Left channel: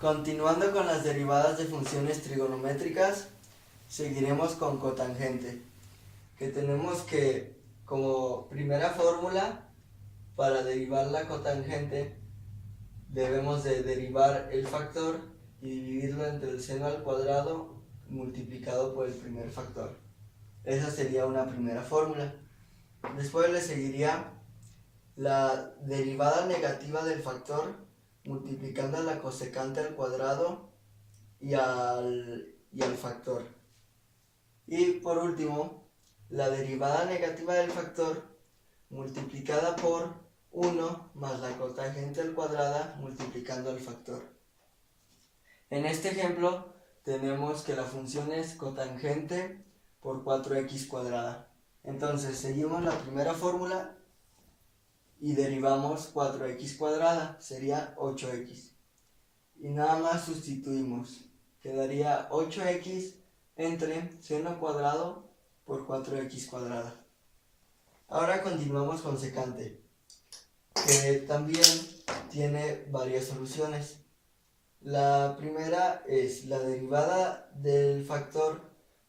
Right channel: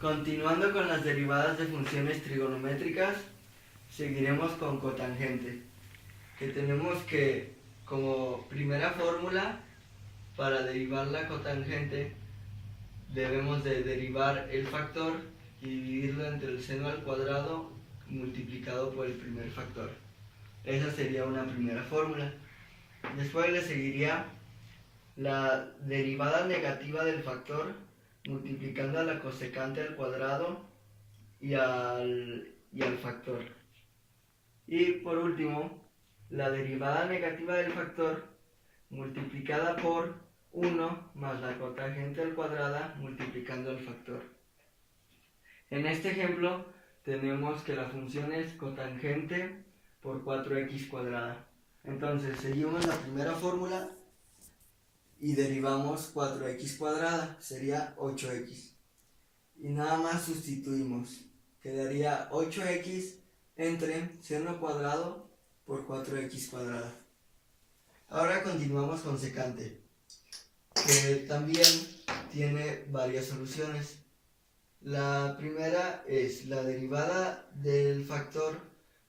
Continuando con las derivadas de funciones trigonométricas, seguiremos con cotangente, que tenemos que, como primera fórmula, para derivar la cotangente, debemos de derivar el factor y dividirlo entre el seno al cuadrado multiplicado por el primer factor. Esa sería una primera fórmula. Después le seguiría la derivada negativa del factor multiplicando a la cosecante al cuadrado y al factor. Y por último, la derivada negativa del factor multiplicada por 1 más la cotangente al cuadrado multiplicando al factor. En este ejemplo tenemos que la función es cotangente por 4x cuadrada. Entonces seguimos la primera fórmula y derivamos 4x cuadrada, sería 8x. Y nada más sustituimos, quedaría 8x entre seno cuadrado por 4x cuadrada. Ahora continuamos con secante, que también tiene varias soluciones. La primera es la derivada del factor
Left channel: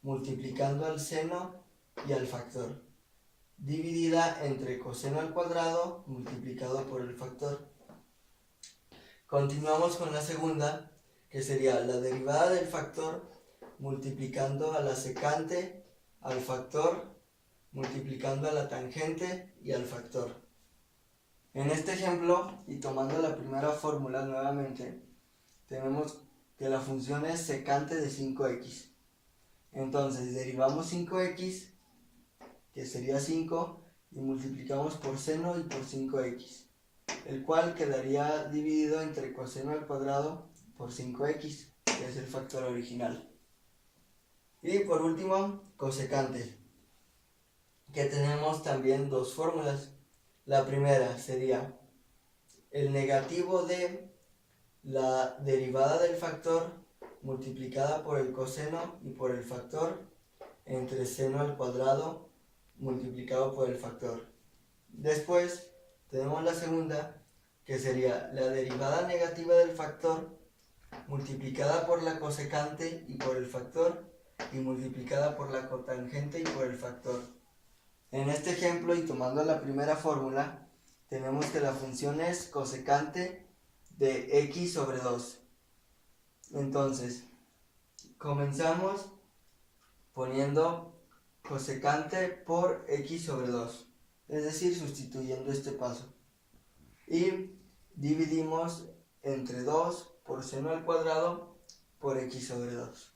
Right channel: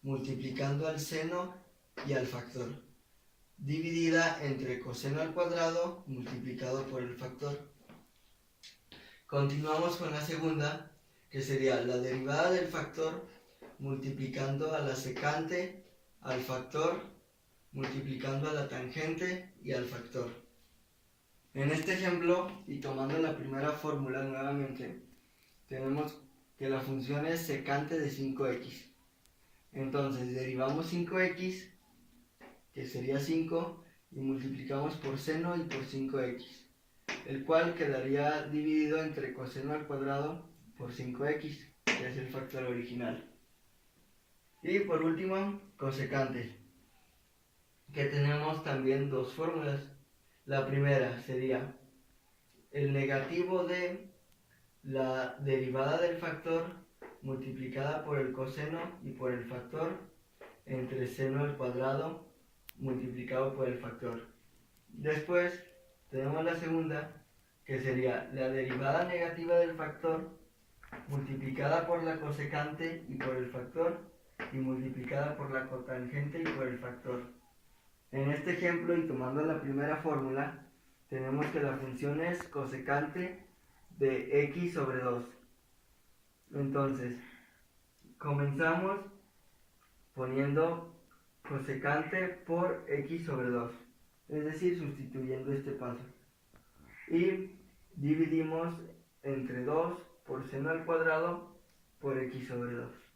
multiplicando al seno y al factor, dividida entre coseno al cuadrado multiplicado por el factor. Continuamos con la segunda, que sería la derivada del factor multiplicando a la secante, al factor, multiplicando a la tangente y al factor. En este ejemplo, y tomando la primera fórmula nuevamente, tenemos que la función es secante de 5x. Entonces derivamos 5x, que sería 5, y multiplicamos por seno y por 5x, el cual quedaría dividido entre coseno al cuadrado por 5x, que es el factor original. Y por último, cosecante, que tenemos también dos fórmulas. La primera sería el negativo de la derivada del factor multiplicada por el coseno y por el factor entre seno al cuadrado multiplicado por el factor. Después tenemos la segunda, que sería la derivada negativa del factor multiplicada por la cosecante y por el factor y multiplicada por la cotangente y por el factor. En este ejemplo, y tomando la primera fórmula, tenemos que la función es cosecante de x sobre 2. Entonces, comenzamos poniendo cosecante por x sobre 2, es decir, sustituyendo este paso. Y dividimos entre 2 por seno al cuadrado por x sobre 2.